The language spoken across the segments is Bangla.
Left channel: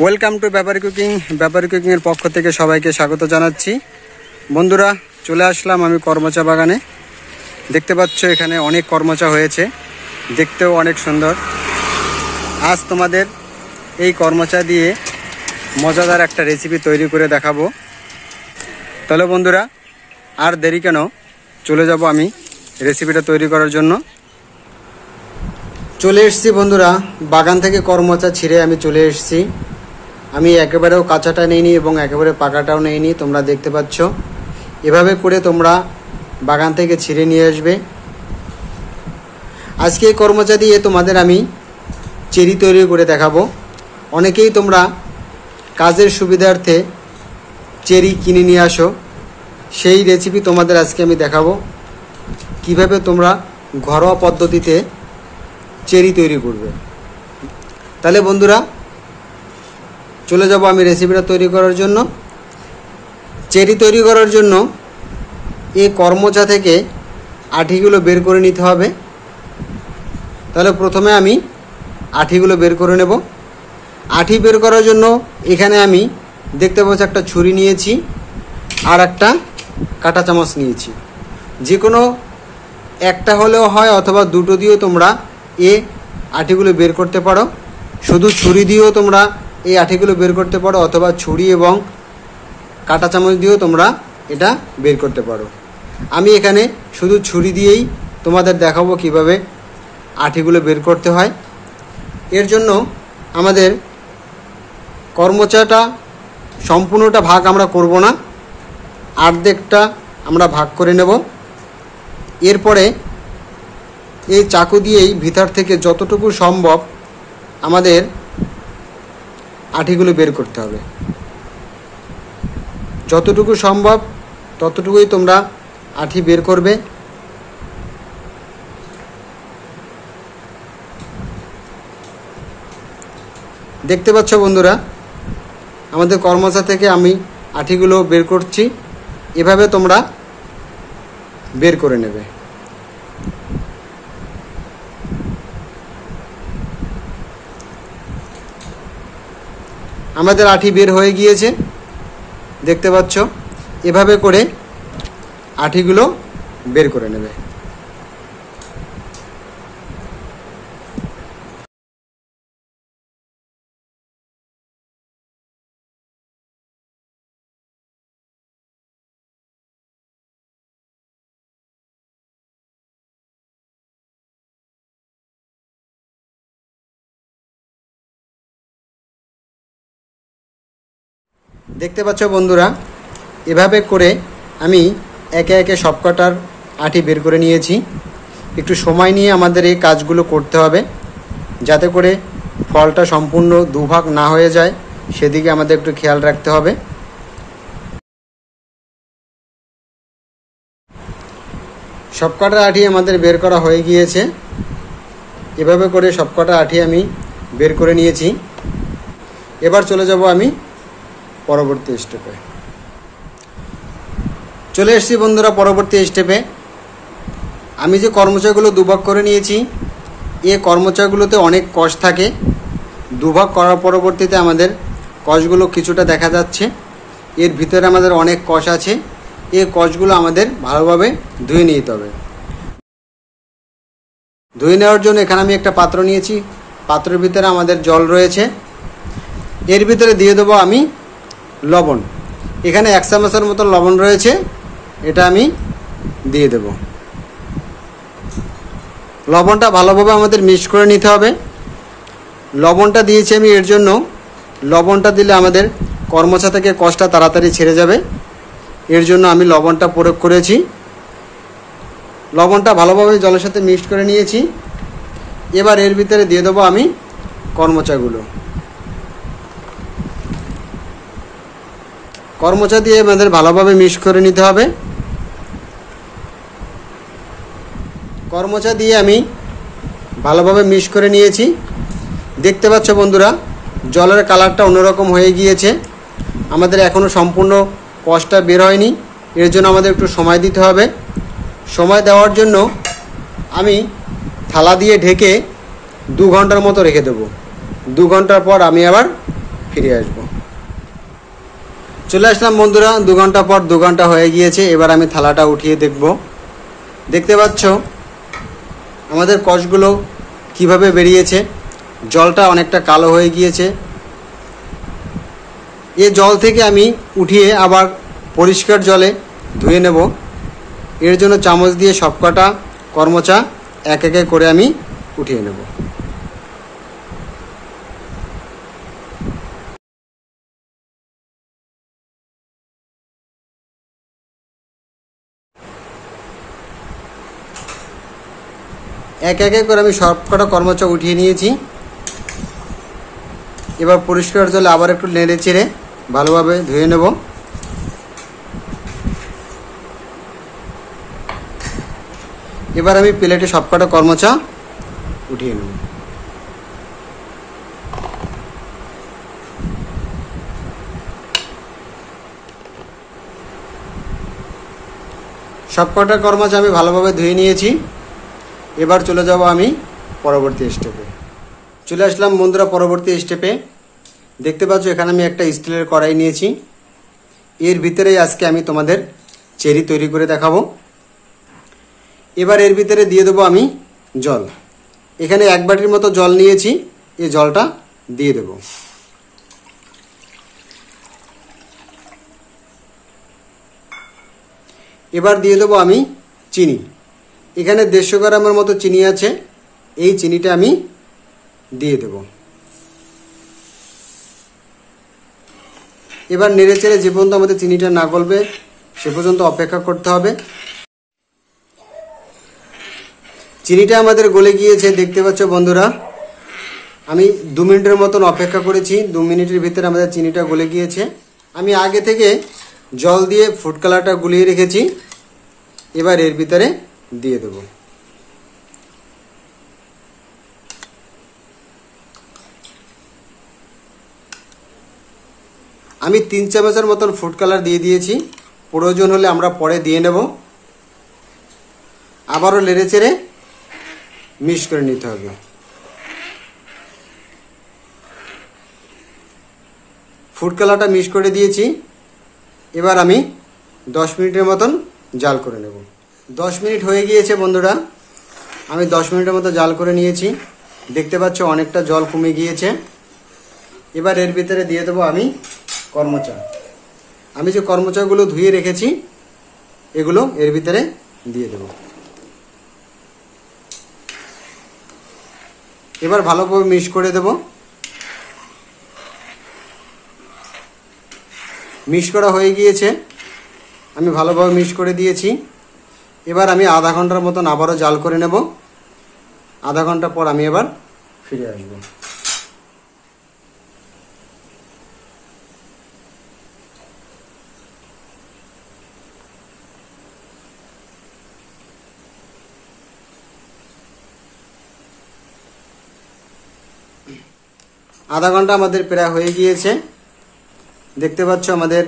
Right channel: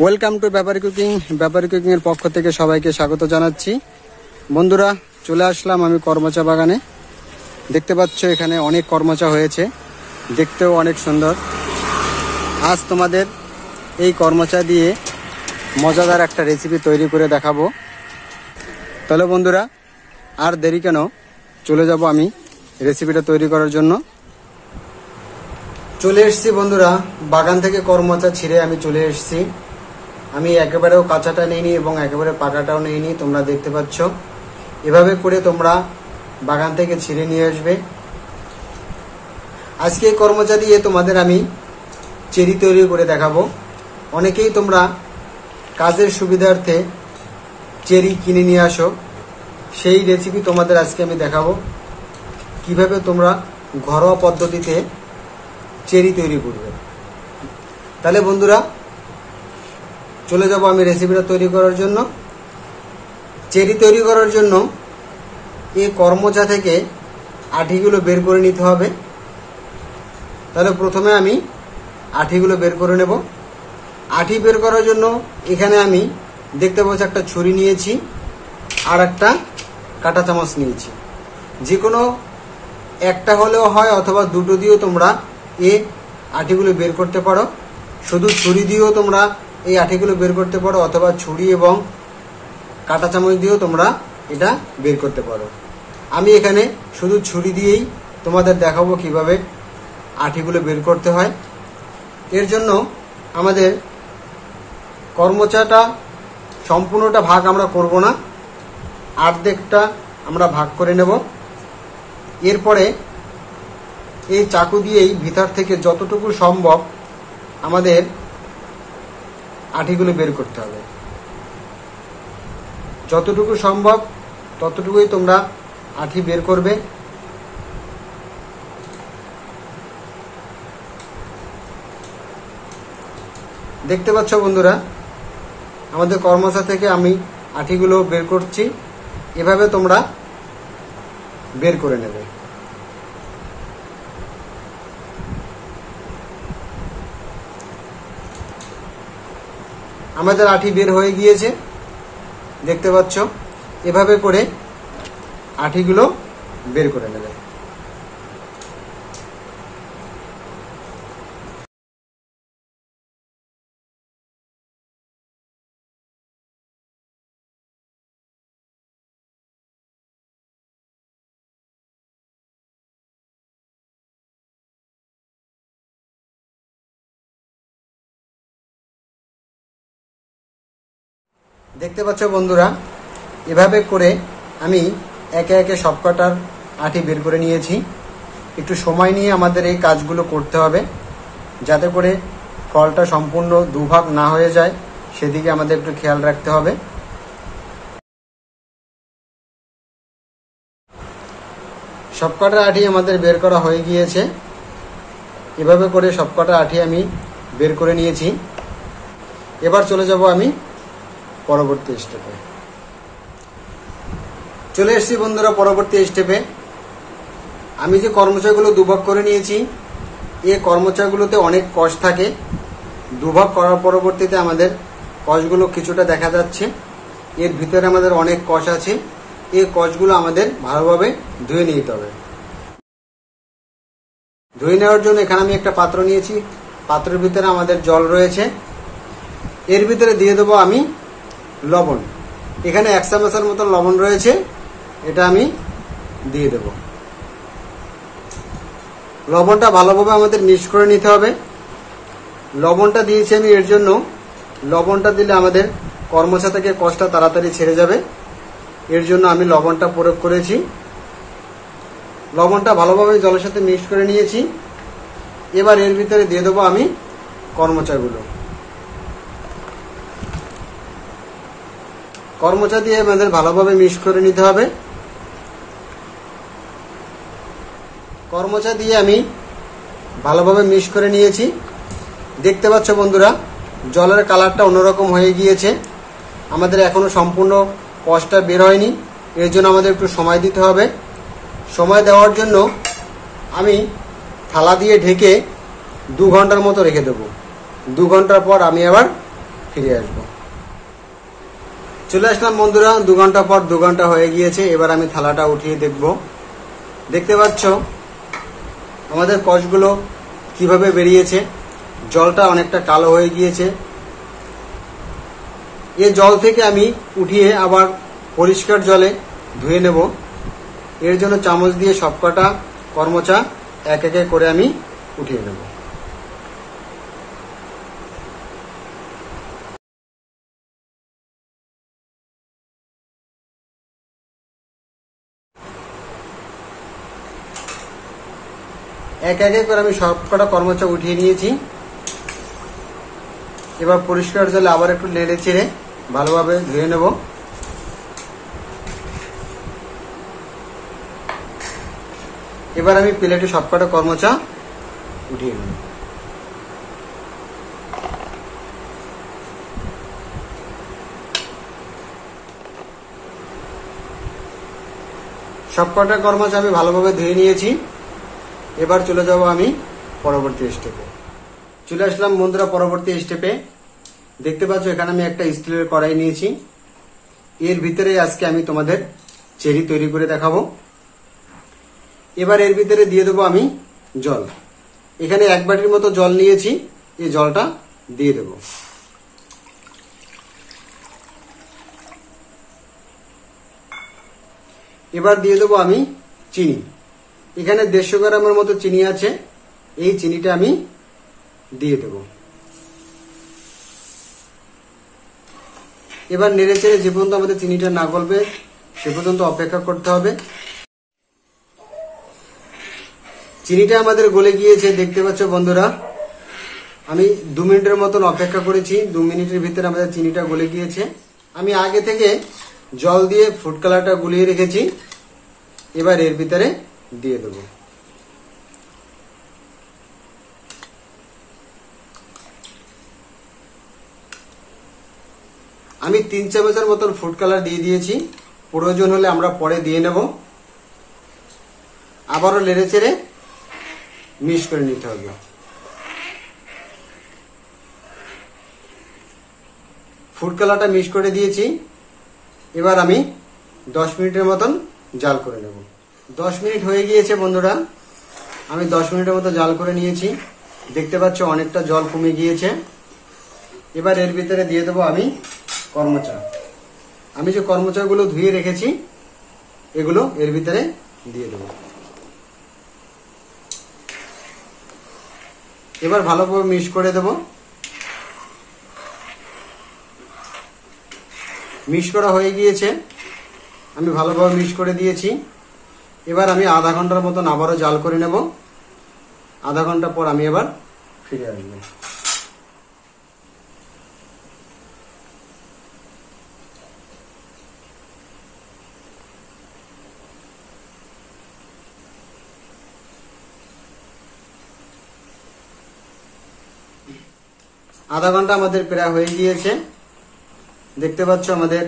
ওয়েলকাম টু ব্যাপারী কুকিং এর পক্ষ থেকে সবাইকে স্বাগত জানাচ্ছি। বন্ধুরা, চলে আসলাম আমি কর্মচা বাগানে। দেখতে পাচ্ছ এখানে অনেক কর্মচা হয়েছে, দেখতেও অনেক সুন্দর। আজ তোমাদের এই কর্মচা দিয়ে মজাদার একটা রেসিপি তৈরি করে দেখাবো। তাহলে বন্ধুরা, আর দেরি কেন, চলে যাব আমি রেসিপিটা তৈরি করার জন্য। চলে এসেছি বন্ধুরা, বাগান থেকে কর্মচা ছিঁড়ে আমি চলে এসেছি। আমি একেবারেও কাঁচাটা নিইনি এবং একেবারে পাকাটাও নিইনি, তোমরা দেখতে পাচ্ছ। এভাবে করে তোমরা বাগান থেকে ছিঁড়ে নিয়ে আসবে। আজকে এই কর্মচা দিয়ে তোমাদের আমি চেরি তৈরি করে দেখাবো। অনেকেই তোমরা কাজের সুবিধার্থে চেরি কিনে নিয়ে আসো, সেই রেসিপি তোমাদের আজকে আমি দেখাবো কিভাবে তোমরা ঘরোয়া পদ্ধতিতে চেরি তৈরি করবে। তাহলে বন্ধুরা, চলে যাব আমি রেসিপিটা তৈরি করার জন্য। চেরি তৈরি করার জন্য এই কর্মচা থেকে আঠিগুলো বের করে নিতে হবে। তাহলে প্রথমে আমি আঠিগুলো বের করে নেব। আঠি বের করার জন্য এখানে আমি দেখতে পাচ্ছি একটা ছুরি নিয়েছি আর একটা কাঁটা চামচ নিয়েছি। যে কোনো একটা হলেও হয় অথবা দুটো দিয়েও তোমরা এই আঠিগুলো বের করতে পারো। শুধু ছুরি দিয়েও তোমরা এই আঠিগুলো বের করতে পারো অথবা ছুরি এবং কাঁটা চামচ দিয়েও তোমরা এটা বের করতে পারো। আমি এখানে শুধু ছুরি দিয়েই তোমাদের দেখাবো কিভাবে আঠিগুলো বের করতে হয়। এর জন্য আমাদের কর্মচাটা সম্পূর্ণটা ভাগ আমরা করব না, অর্ধেকটা আমরা ভাগ করে নেব। এরপরে এই চাকু দিয়েই ভিতর থেকে যতটুকু সম্ভব আমাদের আঠিগুলো বের করতে হবে। যতটুকু সম্ভব ততটুকুই তোমরা আঠি বের করবে। দেখতে পাচ্ছ বন্ধুরা, আমাদের কর্মচা থেকে আমি আঠিগুলো বের করছি। এভাবে তোমরা বের করে নেবে। আমাদের আঠি বের হয়ে গিয়েছে, দেখতে পাচ্ছ। এভাবে করে আঠিগুলো বের করে নেবে। দেখতে পাচ্ছ বন্ধুরা, এভাবে করে আমি একে একে সবকটার আঠি বের করে নিয়েছি। একটু সময় নিয়ে আমাদের এই কাজগুলো করতে হবে, যাতে করে ফলটা সম্পূর্ণ দুভাগ না হয়ে যায়, সেদিকে আমাদের একটু খেয়াল রাখতে হবে। সবকটা আঠি আমাদের বের করা হয়ে গিয়েছে। এভাবে করে সবকটা আঠি আমি বের করে নিয়েছি। এবার চলে যাব আমি পরবর্তী স্টেপে। চলে এসেছি বন্ধুরা পরবর্তী স্টেপে। আমি যে কর্মচাগুলো দুভাগ করে নিয়েছি, এই কর্মচাগুলোতে অনেক কষ থাকে। দুভাগ করার পরবর্তীতে আমাদের কষগুলো কিছুটা দেখা যাচ্ছে। এর ভিতরে আমাদের অনেক কষ আছে। এই কষগুলো আমাদের ভালোভাবে ধুয়ে নিতে হবে। ধুয়ে নেওয়ার জন্য এখানে আমি একটা পাত্র নিয়েছি। পাত্রের ভিতরে আমাদের জল রয়েছে। এর ভিতরে দিয়ে দেবো আমি লবণ। এখানে 1 চামচের মতো লবণ রয়েছে, এটা আমি দিয়ে দেব। লবণটা ভালোভাবে আমাদের মিক্স করে নিতে হবে। লবণটা দিয়েছি আমি এর জন্য, লবণটা দিলে আমাদের কর্মচা থেকে কষটা তাড়াতাড়ি ছেড়ে যাবে। এর জন্য আমি লবণটা প্রয়োগ করেছি। লবণটা ভালোভাবে জলের সাথে মিক্স করে নিয়েছি। এবার এর ভিতরে দিয়ে দেবো আমি কর্মচাগুলো। কর্মচা দিয়ে আমাদের ভালোভাবে মিক্স করে নিতে হবে। কর্মচা দিয়ে আমি ভালোভাবে মিক্স করে নিয়েছি। দেখতে পাচ্ছ বন্ধুরা, জলের কালারটা অন্যরকম হয়ে গিয়েছে। আমাদের এখনো সম্পূর্ণ কষটা বের হয়নি, এর জন্য আমাদের একটু সময় দিতে হবে। সময় দেওয়ার জন্য আমি থালা দিয়ে ঢেকে 2 ঘন্টার মতো রেখে দেব। 2 ঘন্টার পর আমি আবার ফিরে আসব। চলে আসলাম বন্ধুরা 2 ঘন্টা পর। 2 ঘন্টা হয়ে গিয়েছে। এবার আমি থালাটা উঠিয়ে দেখব। দেখতে পাচ্ছ আমাদের কষগুলো কিভাবে বেরিয়েছে। জলটা অনেকটা কালো হয়ে গিয়েছে। এই জল থেকে আমি উঠিয়ে আবার পরিষ্কার জলে ধুয়ে নেব। এর জন্য চামচ দিয়ে সবকটা কর্মচা এক এক করে আমি উঠিয়ে নেব। এক এক করে আমি সবকটা কর্মচা উঠিয়ে নিয়েছি। এবার পরিষ্কার জলে আবার একটু নেড়ে চেড়ে ভালোভাবে ধুয়ে নেব। এবার আমি প্লেটে সবকটা কর্মচা উঠিয়ে নেব। সবকটা কর্মচা আমি ভালোভাবে ধুয়ে নিয়েছি। এবার চলে যাব আমি পরবর্তী স্টেপে। চলে আসলাম বন্ধুরা পরবর্তী স্টেপে। দেখতে পাচ্ছ এখানে আমি একটা স্টিলের কড়াই নিয়েছি। এর ভিতরেই আজকে আমি তোমাদের চেরি তৈরি করে দেখাবো। এবার এর ভিতরে দিয়ে দেবো আমি জল। এখানে 1 বাটির মতো জল নিয়েছি। এই জলটা দিয়ে দেব। এবার দিয়ে দেবো আমি চিনি। এখানে 150 গ্রামের মতো চিনি আছে। এই চিনিটা আমি দিয়ে দেব। এবার নেড়ে চেড়ে যে পর্যন্ত আমাদের চিনিটা না গলবে সে পর্যন্ত অপেক্ষা করতে হবে। চিনিটা আমাদের গলে গিয়েছে। দেখতে পাচ্ছ বন্ধুরা আমি 2 মিনিটের মতন অপেক্ষা করেছি। 2 মিনিটের ভিতরে আমাদের চিনিটা গলে গিয়েছে। আমি আগে থেকে জল দিয়ে ফুড কালারটা গুলিয়ে রেখেছি। এবার এর ভিতরে দিয়ে দেব। আমি 3 চামচের মতন ফুড কালার দিয়ে দিয়েছি। প্রয়োজন হলে আমরা পরে দিয়ে নেব। আবারও নেড়ে চেড়ে মিক্স করে নিতে হবে। ফুড কালারটা মিক্স করে দিয়েছি। এবার আমি 10 মিনিটের মতন জাল করে নেব। 10 মিনিট হয়ে গিয়েছে বন্ধুরা। আমি 10 মিনিটের মতো জাল করে নিয়েছি। দেখতে পাচ্ছ অনেকটা জল কমে গিয়েছে। এবার এর ভিতরে দিয়ে দেবো আমি কর্মচা। আমি যে কর্মচাগুলো ধুয়ে রেখেছি এগুলো এর ভিতরে দিয়ে দেব। এবার ভালোভাবে মিক্স করে দেব। মিক্স করা হয়ে গিয়েছে। আমি ভালোভাবে মিক্স করে দিয়েছি। এবার আমি আধা ঘন্টার মতন আবারও জাল করে নেব। আধা ঘন্টা পর আমি এবার ফিরে আসবো। আধা ঘন্টা আমাদের প্রায় হয়ে গিয়েছে। দেখতে পাচ্ছ আমাদের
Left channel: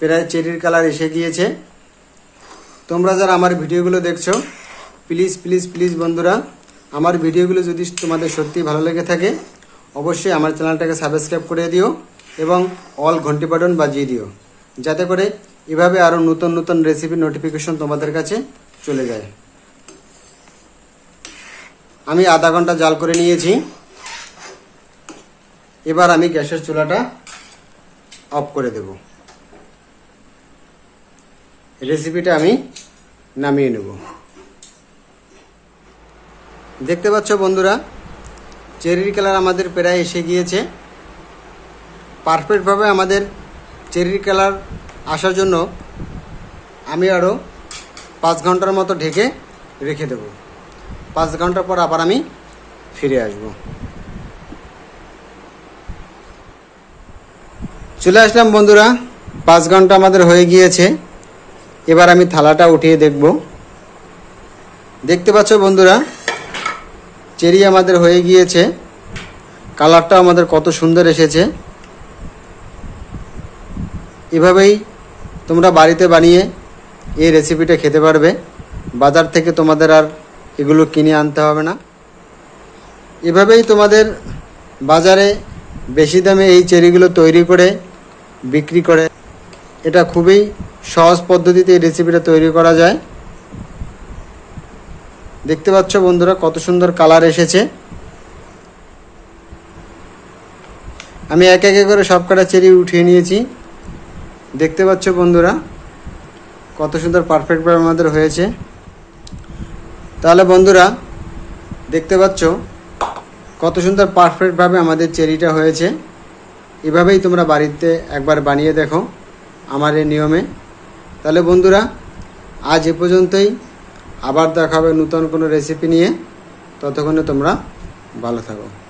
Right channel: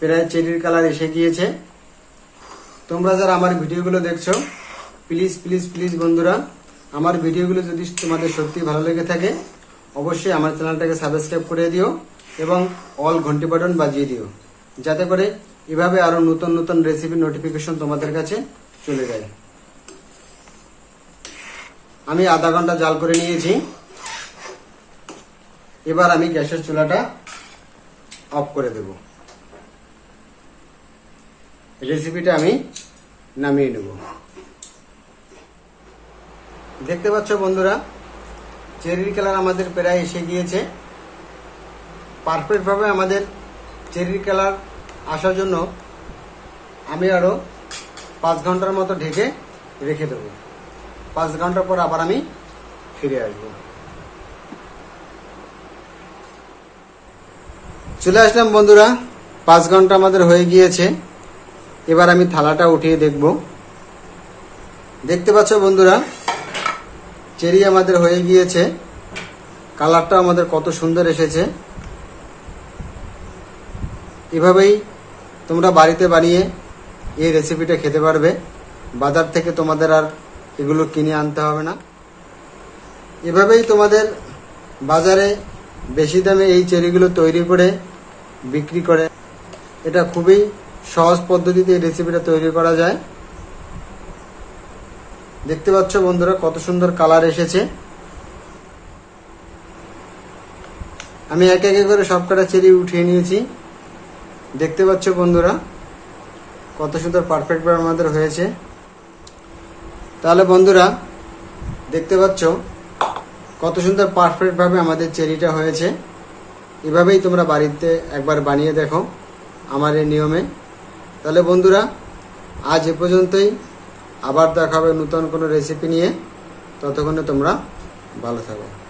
প্রায় চেরির কালার এসে গিয়েছে। তোমরা যারা আমার ভিডিওগুলো দেখছো প্লিজ প্লিজ প্লিজ বন্ধুরা আমার ভিডিওগুলো যদি তোমাদের সত্যি ভালো লেগে থাকে অবশ্যই আমার চ্যানেলটাকে সাবস্ক্রাইব করে দিও এবং অল ঘন্টি বাটন বাজিয়ে দিও, যাতে করে এভাবে আরো নতুন নতুন রেসিপির নোটিফিকেশন তোমাদের কাছে চলে যায়। আমি আধা ঘন্টা জাল করে নিয়েছি। এবার আমি গ্যাসের চুলাটা অফ করে দেব। রেসিপিটা আমি নামিয়ে নেব। দেখতে পাচ্ছ বন্ধুরা চেরির কালার আমাদের প্রায় এসে গিয়েছে। পারফেক্টভাবে আমাদের চেরির কালার আসার জন্য আমি আরো 5 ঘন্টার মতো ঢেকে রেখে দেব। 5 ঘন্টা পর আবার আমি ফিরে আসব। চলে আসলাম বন্ধুরা। 5 ঘন্টা আমাদের হয়ে গিয়েছে। এবার আমি থালাটা উঠিয়ে দেখব। দেখতে পাচ্ছ বন্ধুরা চেরি আমাদের হয়ে গিয়েছে। কালারটা আমাদের কত সুন্দর এসেছে। এভাবেই তোমরা বাড়িতে বানিয়ে এই রেসিপিটা খেতে পারবে। বাজার থেকে তোমাদের আর এগুলো কিনে আনতে হবে না। এভাবেই তোমাদের বাজারে বেশি দামে এই চেরিগুলো তৈরি করে বিক্রি করে। এটা খুবই সহজ পদ্ধতিতে এই রেসিপিটা তৈরি করা যায়। দেখতে পাচ্ছ বন্ধুরা কত সুন্দর কালার এসেছে। আমি এক এক করে সবকটা চেরি উঠিয়ে নিয়েছি। দেখতে পাচ্ছ বন্ধুরা কত সুন্দর পারফেক্টভাবে আমাদের হয়েছে। তাহলে বন্ধুরা দেখতে পাচ্ছ কত সুন্দর পারফেক্টভাবে আমাদের চেরিটা হয়েছে। এভাবেই তোমরা বাড়িতে একবার বানিয়ে দেখো আমার এই নিয়মে। তাহলে বন্ধুরা আজ এ পর্যন্তই, আবার দেখা হবে নতুন কোনো রেসিপি নিয়ে। ততক্ষণে তোমরা ভালো থাকো।